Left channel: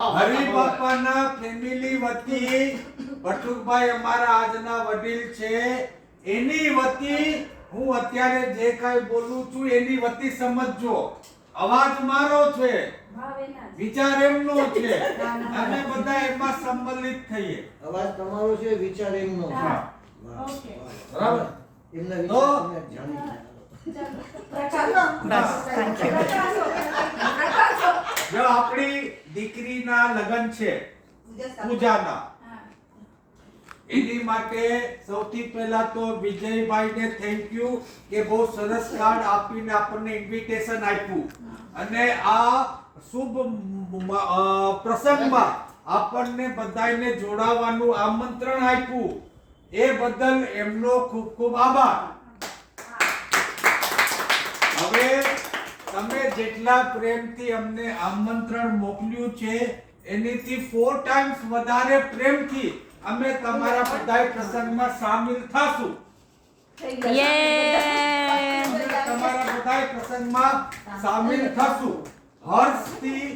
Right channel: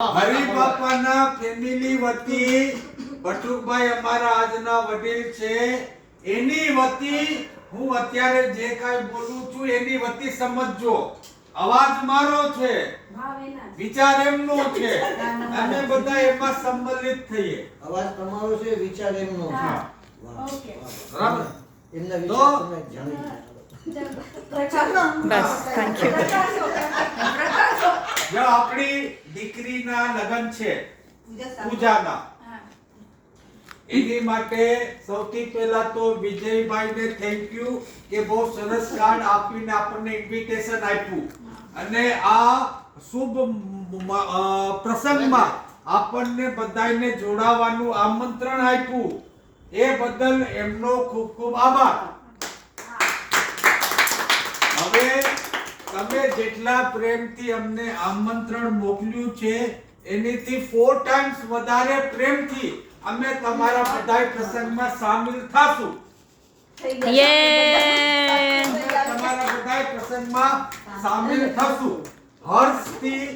હરિબાપાના family વતી બટુકભાઈ અમારા આજના વડીલ છે, એની વતી હું અત્યારે જે કાંઈ બોલું છું એની વતી સમજજો. અવાજ મારો છે, વિચાર એમનો છે, અને બધા એમાં સંમલિત થઈએ. અવાજ તમારો છે, વિચાર એમનો છે. ઓકે, બરાબર. એમના વિચાર તમે જાણી જો આપણી દીકરીના લગ્ન છે પૂજાના, એની માટે સૌથી પહેલા તો વિજયભાઈને થેન્ક યુ કે બહુ સરસ કાર્ડ આપીને આપણને ઇન્વિટેશન આપ્યું અને આ શુભ પ્રસંગમાં આપણને બધાને જોડાવાનું આમંત્રણ આપ્યું. એ બદલ એમનો ખૂબ ખૂબ આભાર. હવે તમે જેટલા પ્રેમથી અમને આમંત્રણ મોકલ્યું છે એનીથી 4 ટાઈમ્સ વધારે પ્રેમથી અમે તમારા બધા પ્રસંગમાં સામેલ થાશું. તમારા બધા પ્રસંગમાં સામેલ થાશું, હર્ષથી,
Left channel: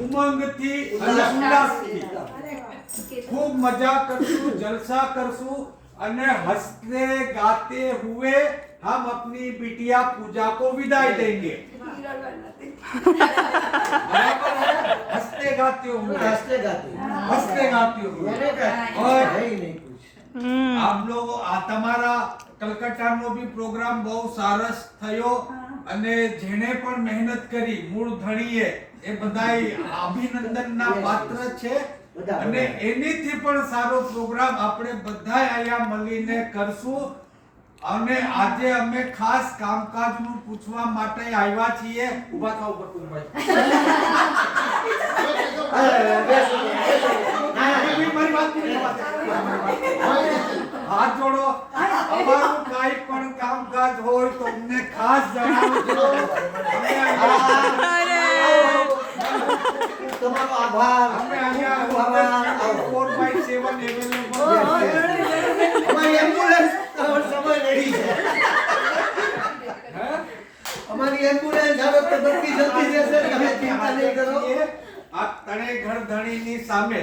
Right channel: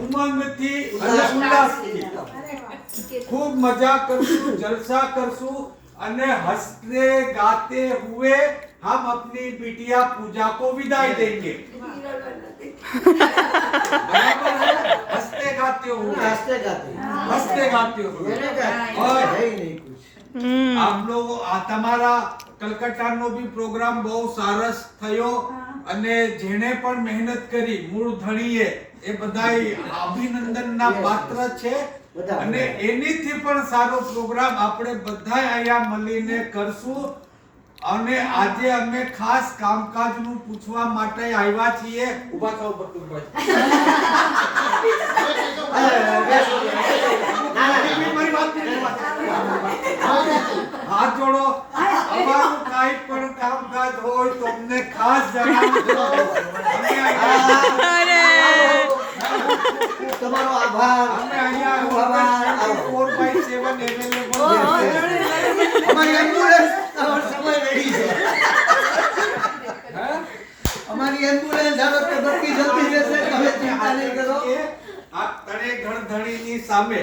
ઉમંગથી અને ઉલ્લાસથી. ખૂબ મજા કરશું, જલસા કરશું અને હસते गाते हुए हम अपनी बिटिया पूजा को विदाई देंगे. बराबर है? हंसते गाते हुए, हंसते गाते हुए. और है ही नहीं कुछ. आप लोग તમારા કલકત્તાનો બી પ્રોગ્રામ બહુ સરસ થયો અને જેણે પણ મહેનત કરી મૂળ ધણીએ એ બધાય અભિનંદનના પાત્ર છે. અને એનીથી પણ સારો પ્રોગ્રામ આપણે બધાય અહીંયા મળીને કરશું. અને આજે અમે ખાસ કામકાજનું પૂછવા માટે આવ્યા છીએ. ઊભા થાઓ બટુકભાઈ. મારી વાત પૂરી હાથ જોડો. અમારું કાંઈ પણ કામકાજ હોય તો અમને ખાસ જણાવજો. તમારો આભાર. અમે અહીંયા 4/7 અવેલેબલ છે. અમારી એમ્બ્યુલન્સ સમય રેડી છે. અમારી એમ્બ્યુલન્સ હવે તો બધી જલ્દી જશે, તમે ચિંતા નહીં કરો. આ તણે ઘર ધણીની સામે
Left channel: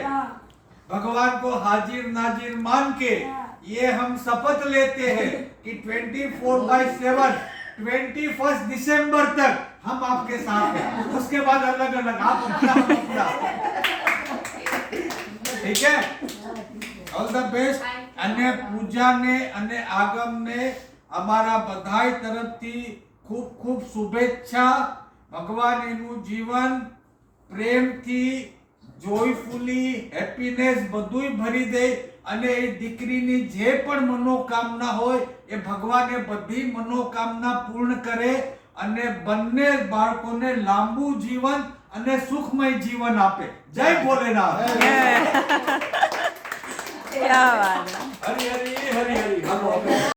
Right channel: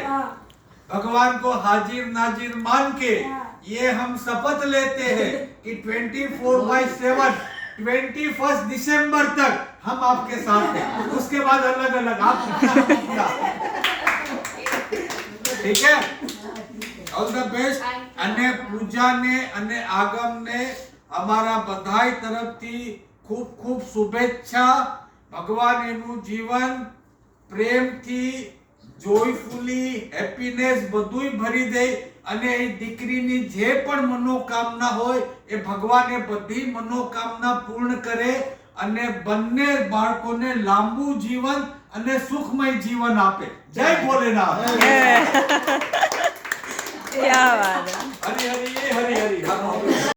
भगवान को हाजिर नाजिर मान के ये हम शपथ लेते हैं कि 24/7 21 दिसंबर तक हम आपके साथ हैं. उसके बाद अलग अलग आप अपना. ठीक है, ऑल ધ બેસ્ટ. અને પૂજાને અને આગમને અમારા બધાય તરફથી ખૂબ ખૂબ શુભેચ્છા. ભગવાન એનું જીવન પ્રેમથી, જોયફુલી, હેપીનેસ બધુંય ભરી દે અને એ દીકરીની જે પણ મનોકામના હોય એ ભગવાન એ બધી મનોકામના પૂર્ણ કરે અને બંને બાળકોને લાંબુ જીવન અને સુખમય જીવન આપે. જય ભોલેનાથ. क्या बात है. હરી હરી હરી હરી.